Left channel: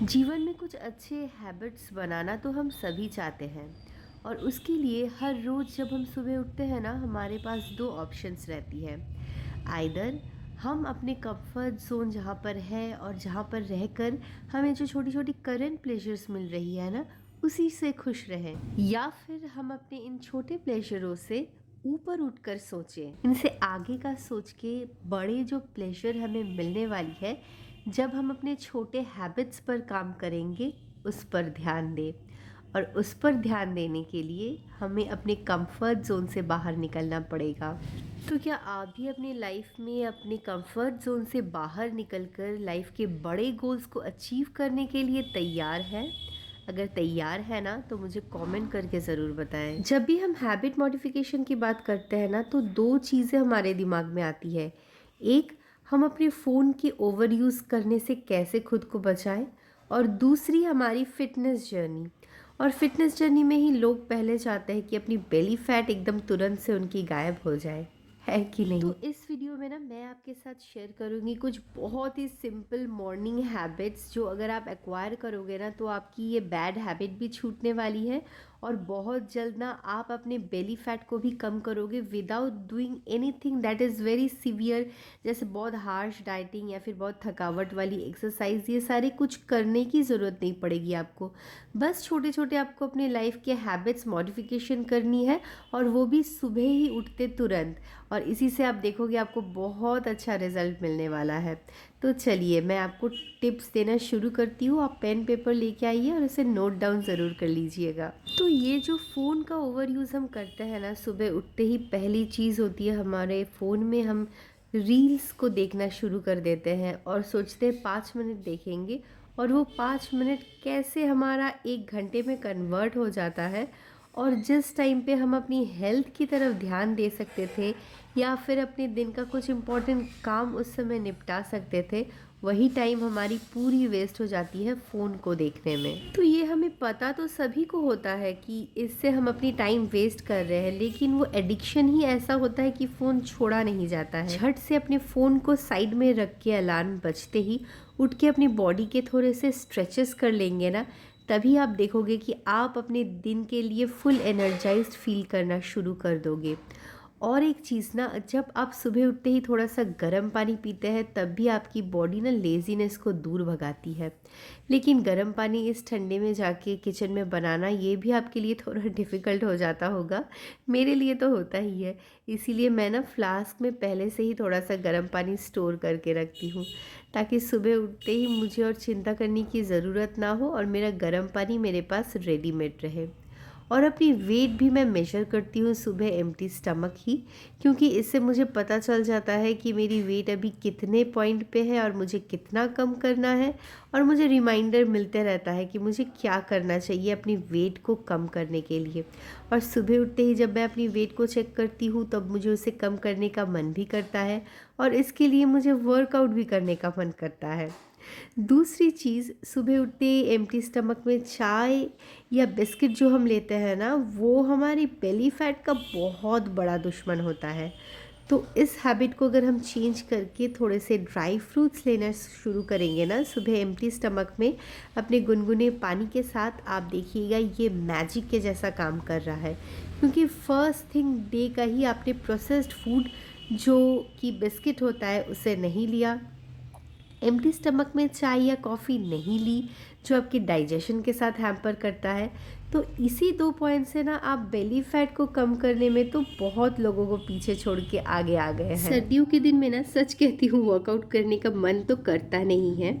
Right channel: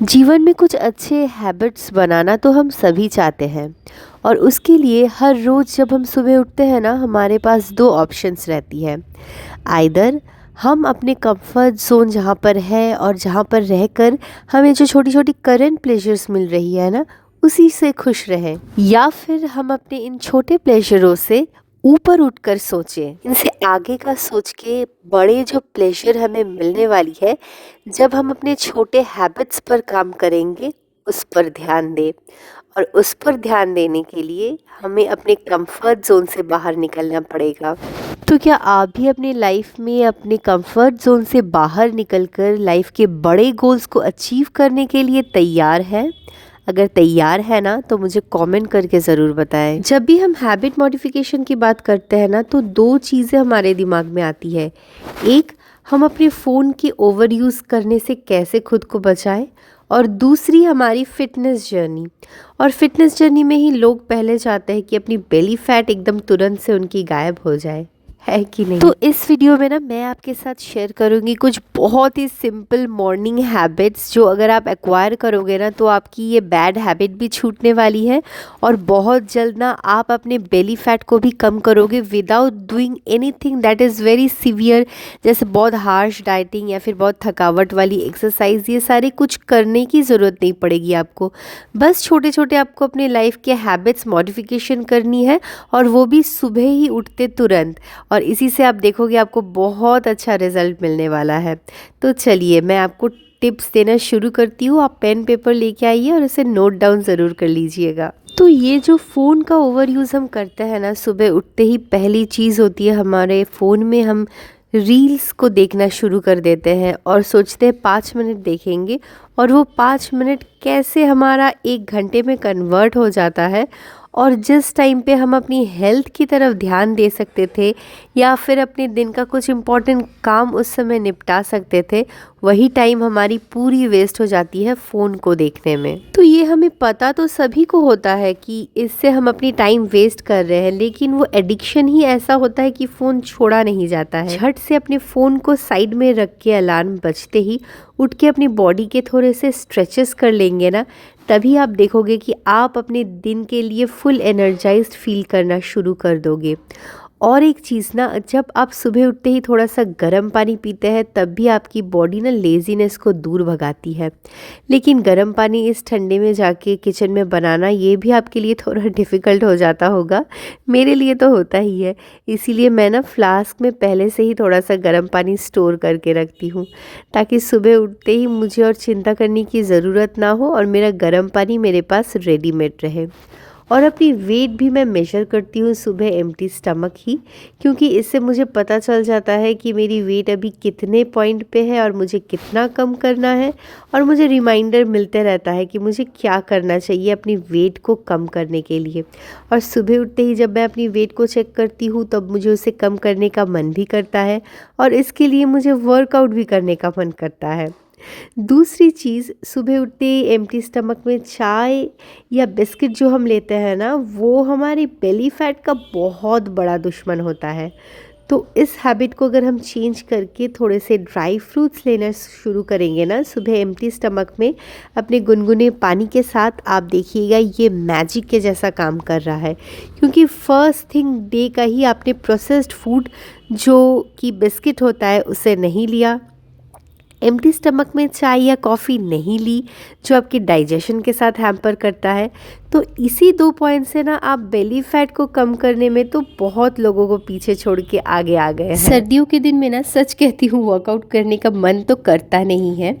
जीवन में कुछ अच्छे हैबिट्स बनाना तो हम सभी चाहते हैं और उसके लिए हर रोज़ जब हम सुबह उठते हैं ना हमारे पास दो ऑप्शंस रहती है। आइदर हम अपने कंफर्ट जोन जहाँ पर है और जहाँ पर रहकर हमें जो छोटी छोटी करंट प्लेजर्स मिल रही है ना उसी से खुश रहें, या फिर हम अपने इन छोटे प्लेजरों से ऊपर उठकर सोचें, इनसे आगे का सोच के बड़े जो प्लेजर हमें मिलने वाली है जब हम अपने छोटे हैबिट्स पर काम करेंगे उस पर ध्यान दें। और उस पर ध्यान देने के लिए हमें अपने कंफर्ट जोन से बाहर निकलना पड़ेगा। तो क्या आप भी अपनी लाइफ में अपने कंफर्ट जोन से बाहर निकलकर लाइफ के बड़े गोल्स को अचीव करने के लिए तैयार हैं? अगर तैयार है ना तो मुझे कमेंट करके ज़रूर बताएं। जब भी हम हैबिट मॉडिफिकेशन की बात करते हैं ना तो दो चीज़ें हमारे दिमाग में आती है। एक, हम अपने फ़ोन के ओवर यूज़ करने से कैसे खुद को बचाएं, और दूसरी हमारी फ़िटनेस जर्नी। और फिटनेस जर्नी में ही लोग पहले चाहते हैं कि अपनी बेली फैट एकदम तुरंत से उनकी गायब हो जाए, है कि नहीं? तो इस वीडियो में ना मैं आपके साथ शेयर करूंगी कुछ बहुत ही सिंपल मॉर्निंग हैबिट्स जो अगर आप एक्वायर करोगे ना तो आपकी ये बैड हैबिट भी छूटने वाली है और बहुत जल्द ना आप अपने बेली फैट को भी कम करोगे without doing anything that is very severe, जैसे बहुत हार्श डाइटिंग या फिर बहुत थकावट वाली एक्सरसाइज। ये सारे कुछ करने की ज़रूरत नहीं पड़ेगी आपको। बस छोटे छोटे आपको अपने लाइफ के हैबिट्स मॉडिफिकेशन करनी है और वो भी सुबह ही उठते तुरंत, और इसी से आप देखोगे आपको बहुत अच्छा रिजल्ट मिलने वाला है। तो चलिए मैं आपको टिप्स देना शुरू करती हूँ। आप पेन पेपर लेके आइए और उसे नोट डाउन ज़रूर कर लीजिएगा। तो ये जो फ़ोन का ओवर यूज़ हम करते हैं ना, सुबह उठते ही पहली चीज़ होती है हमारे फ़ोन में हम रील्स को देखना शुरू कर देते हैं और सोचते हैं 5 मिनट देखेंगे, और वो 5 मिनट कैसे हमारा 1 घंटे में कन्वर्ट हो जाता है। और जिस टाइम पे हम अपनी हेल्थ की तरफ ध्यान दे सकते थे या फिर अपने दिन का कुछ इम्पोर्टेंट काम उस समय निपटा सकते थे, वही टाइम हमारी पूरी वेस्ट हो जाती है फ़ोन को देखने में। तो ये हमें पता तो सभी को होता है कि इससे हम अपनी टाइम वेस्ट कर रहे हैं, लेकिन वो एडिक्शन ही ऐसा होता है कि फ़ोन छोड़ा नहीं जाता है। झट से अपने फ़ोन को साइड में रख के अलार्म बजते ही उठ के अपनी बॉडी के थोड़े से स्ट्रेचेस कर लेंगे ना, तभी आप देखोगे कि आप अपने दिन के लिए फुल एनर्जाइज्ड फील करना शुरू कर दोगे। और एक चीज़ ना, जब आप सुबह उठते ही थोड़ा सा गर्म पानी पीते हैं तब भी आपकी बॉडी ना लेज़ीनेस को दूर भगाती है। लेकिन गर्म पानी इस ठंडे में जाके किचन में बनाना ये भी आपके लिए थोड़ा डिफ़िकल्ट हो जाता होगा। मेरे लिए तो होता ही है। इसीलिए मैं ना फ्लास्क में पहले से ही थोड़ा सा गर्म पानी स्टोर करके रखती हूँ, ताकि सुबह उठते ही मुझे और चिंता करने की ज़रूरत ना हो और मेरा गर्म पानी मेरे पास रेडीमेड रहे। और अपनी वेट भी मैं मेजर करती हूँ सुबह एम्प्टी स्टमक ही, क्योंकि इससे मुझे पता चल जाता है कि मेरी वेट अभी कितने पॉइंट पे है और मुझे कितना कम करना है। और मुझे रिमाइंडर मिलते रहता है कि मुझे क्या करना चाहिए अपनी वेट को कम करने के लिए। और सुबह उठते ही जब मैं अपनी वेट को चेक करती हूँ तब मुझे उसे कम करने का मन भी करता है और इसके लिए मुझे वर्कआउट भी करने का मन करता है। दूसरी चीज़, सुबह उठते ही एम्प्टी स्टमक में चाय या बिस्किट जो हम लेते हैं ना, वो हमारी बेली फैट का बहुत बड़ा दुश्मन होता है। तो इस हैबिट को अगर हम चेंज करके थोड़े से ड्राई फ्रूट्स लेना शुरू करेंगे ना सुबह एम्प्टी स्टमक में अपने गुनगुने पानी के साथ, आप देखिएगा ये मैजिक के जैसा काम कर रहा है। क्योंकि फर्स्ट थिंग डे का ही आपने प्रोसेस्ड फूड जो कि बिस्किट होता है उसे नहीं लिया, एम्प्टी स्टमक में चाय या कॉफ़ी नहीं ली जो आपके डाइजेशन के साथ हैम्पर करता है। तो इसी 2 पॉइंट से ना आप बेली फैट को कम करने में तो बहुत लोगों को पीछे छोड़ के आगे आ गए हैं। सर्दियों के दिन में ना सच कहती हूँ वर्कआउट करने का मन तो करता नहीं है,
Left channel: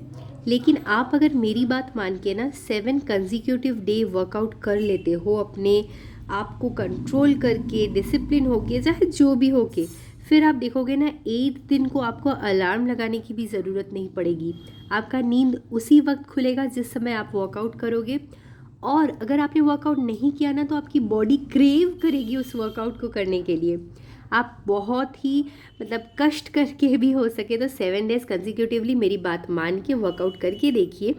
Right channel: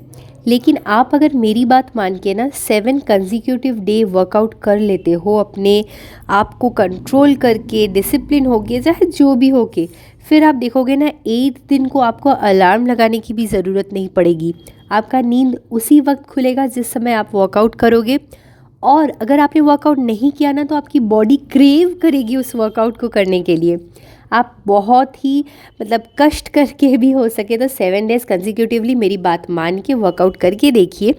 लेकिन आप अगर मेरी बात मान के ना 7 कंजिक्यूटिव डे वर्कआउट कर लेते हो अपने आप को कंट्रोल करके, डिसिप्लिन होके, चाहे जो भी होके, फिर आप देखोगे ना 8 दिन को आपको अलार्म लगाने की भी ज़रूरत नहीं पड़ेगी। आपका नींद उसी वक्त खुलेगा जिस समय आप वर्कआउट करोगे। और अगर आपने वर्कआउट नहीं किया ना तो आपकी बॉडी क्रेव करेगी उस वर्कआउट को करने के लिए। आप बहुत ही कष्ट करके भी हो सके तो 7 डेज़ कंजिक्यूटिवली मेरी बात मान के वर्कआउट करके देखिए।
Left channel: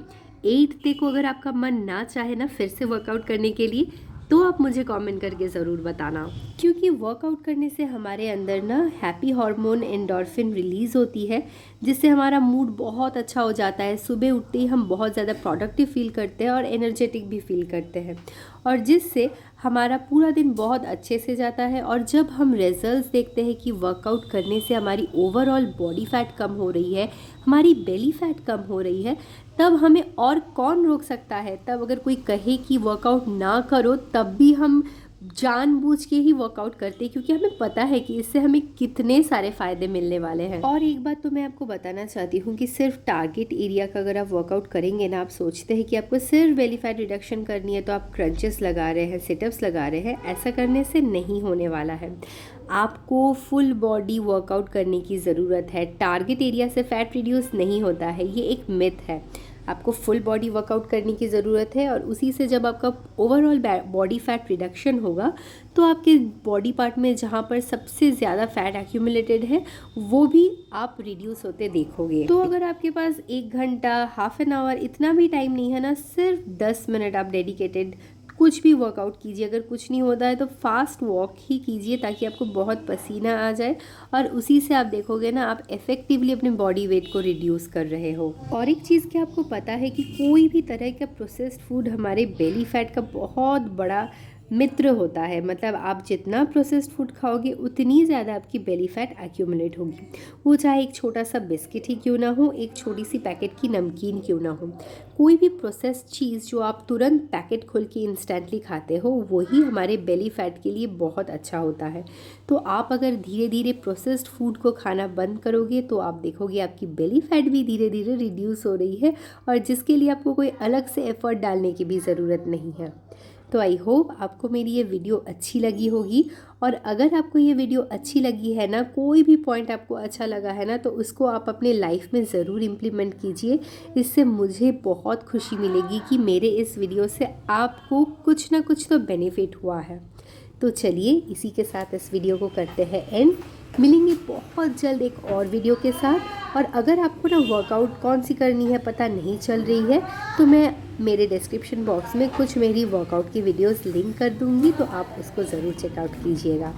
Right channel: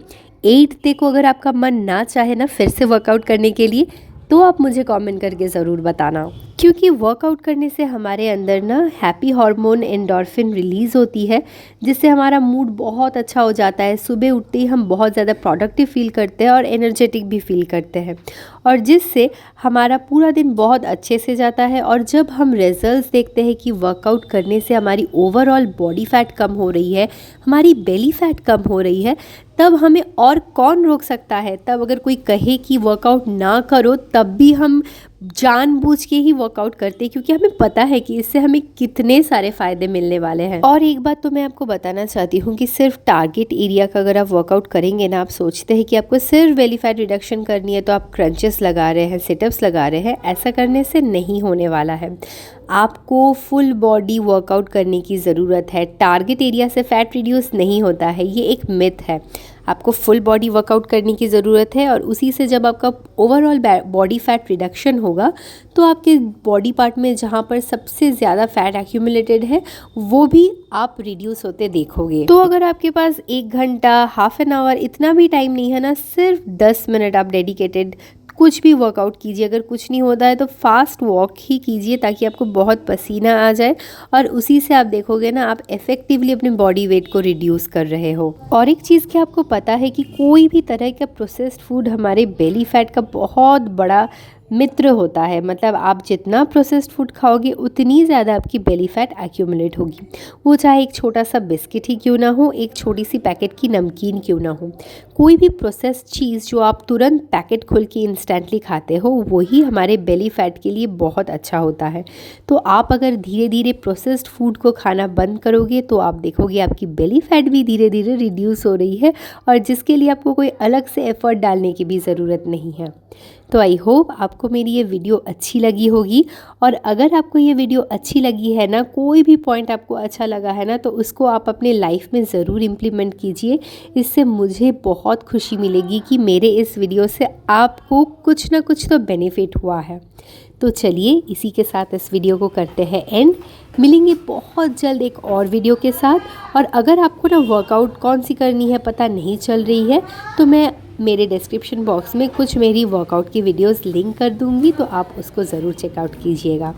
8th डे को अगर आपका मन ना चाहे ना फिर से वर्कआउट करने के लिए, तो आप मुझे कमेंट करके ज़रूर बताना। क्योंकि वर्कआउट करने से हमारे अंदर ना हैप्पी हार्मोन एंडोर्फिन रिलीज़ होती है, जिससे हमारा मूड बहुत अच्छा हो जाता है। सुबह उठते ही हम बहुत ज़्यादा प्रोडक्टिव फील करते हैं और एनर्जेटिक भी फील करते हैं, और जिससे हमारा पूरा दिन बहुत अच्छे से जाता है। और जब हम रिजल्ट्स देखते हैं कि वर्कआउट करने से हमारी ओवरऑल बॉडी फैट कम हो रही है, हमारी बेली फैट कम हो रही है, तब हमें और कौन रोक सकता है। तब अगर कोई कहे कि वर्कआउट ना करो, तब भी हम जानबूझ के ही वर्कआउट करते हैं, क्योंकि हमें पता है कि इससे हमें कितने सारे फ़ायदे मिलने वाले हैं। और एक बात तो मैं आपको बताना चाहती हूँ कि सिर्फ टारगेट एरिया का अगर आप वर्कआउट करेंगे ना, आप सोचते हैं कि आपको सिर्फ बेली फैट रिडक्शन करनी है तो आप क्रंचेस लगा रहे हैं, सिटअप्स लगा रहे हैं, ऐसा करने से नहीं होने वाला है। आपको फुल बॉडी वर्कआउट करने की ज़रूरत है। टारगेट एरिया से फ़ैट रिड्यूस नहीं होता है, ये एक मिथ है। आपको फुल बॉडी वर्कआउट करने की ज़रूरत है, और उसी से जब आपका ओवरऑल बॉडी फैट रिडक्शन होगा तो आपके बॉडी पार्ट में जहाँ पर सबसे ज़्यादा फैट एक्यूमुलेटेड है वो भी आप रिड्यूस होते देखोगे। तो अगर आपके पास 1 घंटा, हाफ एन आवर, इतना भी टाइम नहीं है ना, सिर्फ 10 मिनट आप डेडिकेटेड कुछ भी वर्कआउट कीजिए। अगर कुछ नहीं होता है तो फास्ट वॉक ही कीजिए, ताकि आपको बहुत पसीना आ जाए, और उसी से आप देखोगे ना, आप इफ़ेक्टिवली अपने बॉडी वेट को रिड्यूस कर रहे हो। और एक चीज़ क्या आपको पता है कि कोई भी तरह का प्रोसेस्ड फूड हमारे बेली फैट का बहुत बड़ा मित्र होता है। मतलब आप जितना प्रोसेस्ड फूड खाओगे उतनी ज़्यादा आपकी बेली फैट एक्यूमुलेट होगी। वो चाहे एक छोटा सा बिस्किट ही क्यों ना हो, एक छोटी सी पैकेट की नमकीन क्यों ना हो, कोई भी प्रोसेस्ड चीज़ जो आप तुरंत पैकेट खोल के इंस्टेंटली खाते हो, वही हमारे बेली फैट के लिए बहुत अच्छा होता है। तो आप अगर धीरे धीरे प्रोसेस्ड फूड को खाना बंद करोगे तो आप देखोगे आपकी बेली फैट भी धीरे धीरे रिड्यूस हो रही है, और जिसके लिए आपको कोई अलग से एफर्ट डालने की भी ज़रूरत नहीं है। तो आई होप आपको मेरी ये वीडियो अच्छी लगी होगी। और अगर आपको ये वीडियो अच्छी लगी है ना, कोई भी पॉइंट आपको अच्छा लगा है ना, तो उसको आप अपने लाइफ में ज़रूर इम्प्लीमेंट कीजिए। इससे मुझे बहुत खुशी मिलेगी कि मेरे इस वीडियो से आपको कुछ ना कुछ तो बेनिफिट हुआ है। तो चलिए इसी के साथ इस वीडियो को करते हैं एंड। मिलेंगे बहुत जल्द एक और वीडियो के साथ। और अगर आपको ना वर्कआउट कौन सी करनी है पता नहीं चल रही है, तो मैं मेरे डिस्क्रिप्शन बॉक्स में कुछ मेरी वर्कआउट की वीडियोस लिंक कर दूंगी, तो आप उसको ज़रूर चेकआउट कीजिएगा।